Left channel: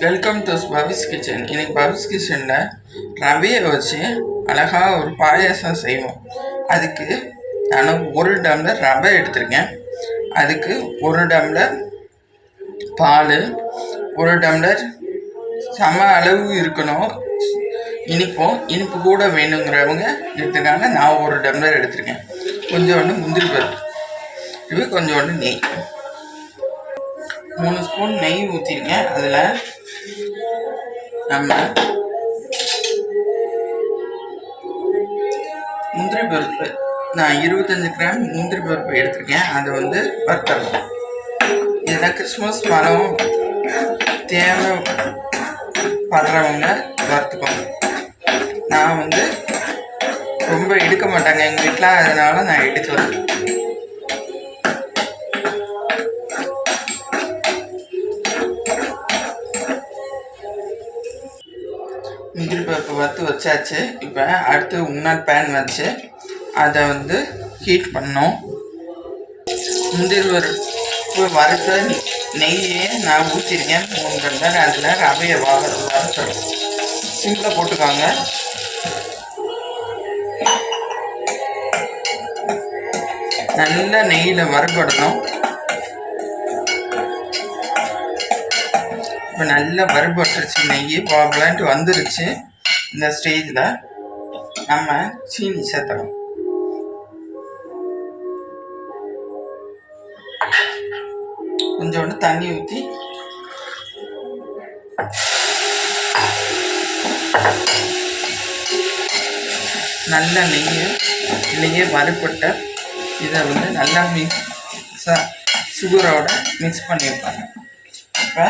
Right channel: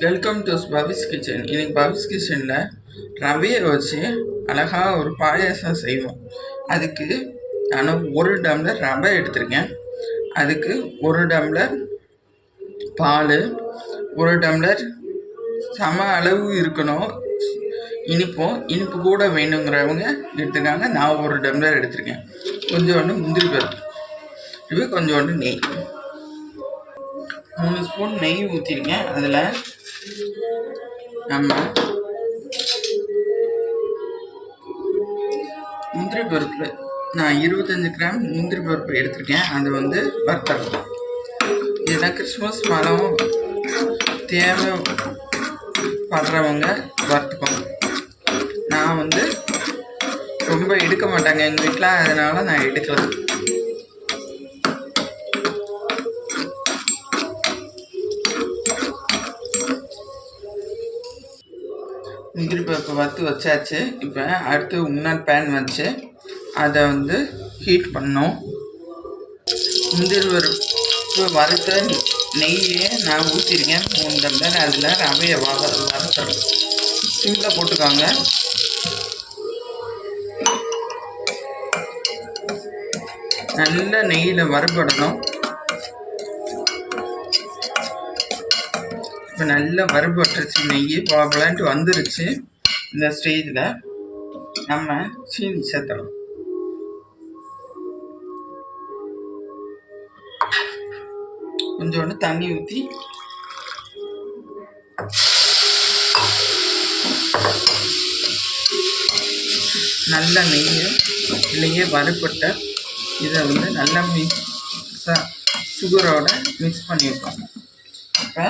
Welcome to Pavis kitchen இன்னைக்கு பவிஸ் கிச்சனில் ரவையை வச்சு அழகாக ஒரு பாயாசம் செய்வோம். அதுக்கு நான் ஒரு டம்ளர் ரவை எடுத்திருக்கேன். அதுக்கு ஒரு டம்ளர் பால் ஒரு டம்ளர் சம அளவு இருக்கணும். இனிப்பும் இனிப்பு கூட வேணுங்கிறவங்க எடுத்துக்காங்க. நான் ஒரு டம்ளர் எடுத்திருக்கேன். கொஞ்சோண்டு முந்திரி பருப்பு. இது கொஞ்சோண்டு நெய். மூணு ஸ்பூன் நெய் ஊற்றிருக்கேன் அதில் நம்ம முந்திரி பருப்பு நான் இருபத்தஞ்சி கிராம் முந்திரி பருப்பு எடுத்திருக்கேன். அது வந்து வறுத்தரலாம் இதெல்லாம் கிறிஸ்மஸ் மரம். தேவைப்படுறவங்க வறுத்துக்கோங்க நான் வந்து ரொம்ப எடுக்க மாட்டாங்க. எங்கள் வீட்டில் அதனால் நான் எடுக்கல. முந்திரி பருப்பு வறுத்து வச்சாச்சு. இப்போ அடுத்து முன்னாள் பேன் வச்சு அதை வந்து ஹீட் பண்ணோம். முந்திரி பருப்பு வறுத்த நெய்யே நான் ஊற்றிருக்கேன் மூணு டம்ளர் அதில் ரவையை வர வறுத்தணும் சிம்மில் போட்டுக்காங்க. நல்லா நெய்யில் வறுபடணும். இப்போ நல்லா வறுபட்டுருச்சு நெய் பாபலான்ட்டு வந்துருச்சு. இந்த ஸ்டேஜில் நம்ம சீனி சேர்த்துறோம் கொஞ்சோண்டு தண்ணி ஊற்றி நல்ல நெய் நெய்யை வறுப்பட்ட இதை வந்து நல்லா மிக்ஸாக சுகரோட மிக்ஸ் பண்ணி வைப்பாங்க. இப்போ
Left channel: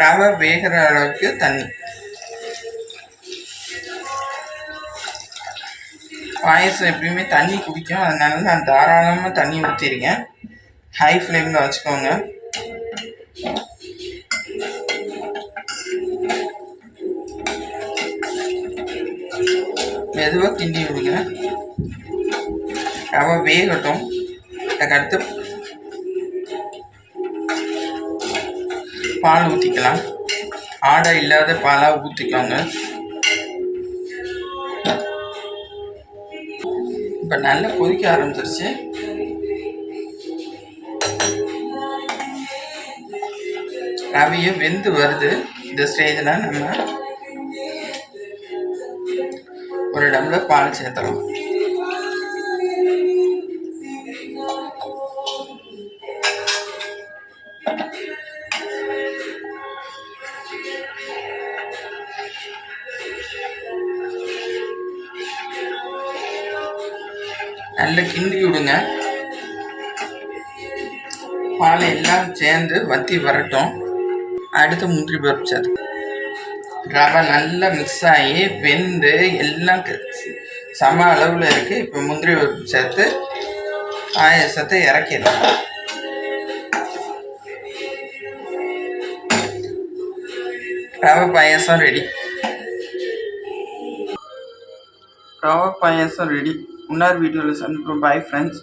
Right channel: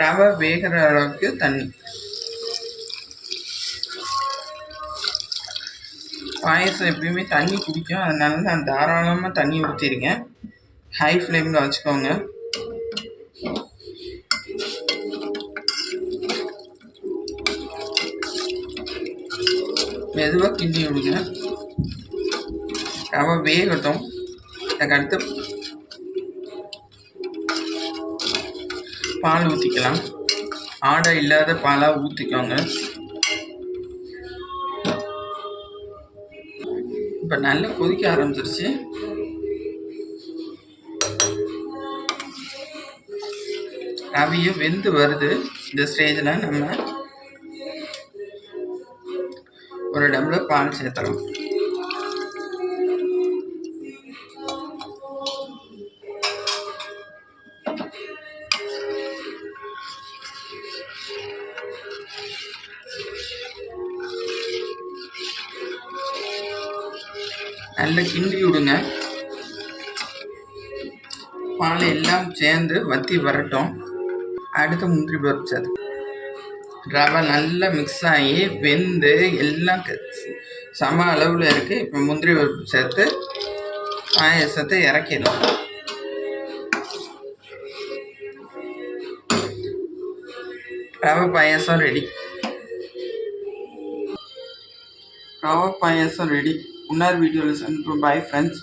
ரவை வேகிற அளவுக்கு தண்ணி பாயசம் எப்பயுமே தண்ணி குடிக்கும். அதனால நான் தாராளமாக தண்ணி ஊற்றிருக்கேன் ஹை ஃப்ளேமில் வச்சுக்கோங்க. மெதுவாக கிண்டி விடுங்க. ரவை வேகட்டும். அதுக்கடுத்து பால் ஊற்றிக்கலாம் ஆடை இல்லாத பாலாக ஊற்றிக்கோங்க இப்போ நல்லா கொதிக்க ஆரம்பிச்சிருச்சு. ரவியும் வெந்து வருது. இந்த ஸ்டேஜில் நம்ம ஒரு டம்ளர் பால் சேர்த்துறோம் நல்லா கிண்டி விடுங்க. பால் எல்லாம் சேர்ந்து வத்தி வரட்டும். அடுத்து முந்திரி பருப்பு சேர்த்து ரவை நல்லா மிக்ஸ் ஆகி வெந்து எல்லாம் சம அளவில் இருக்குது இப்போ முந்திரி பருப்பு சேர்த்து பாயசத்தை இறக்கிடலாம். ரவை பாயாசம் ரெடி ரவை பாயாசம் ரெடி இன்னொரு வீடியோவில் சந்திப்போம் பாய் ஃப்ரெண்ட்ஸ்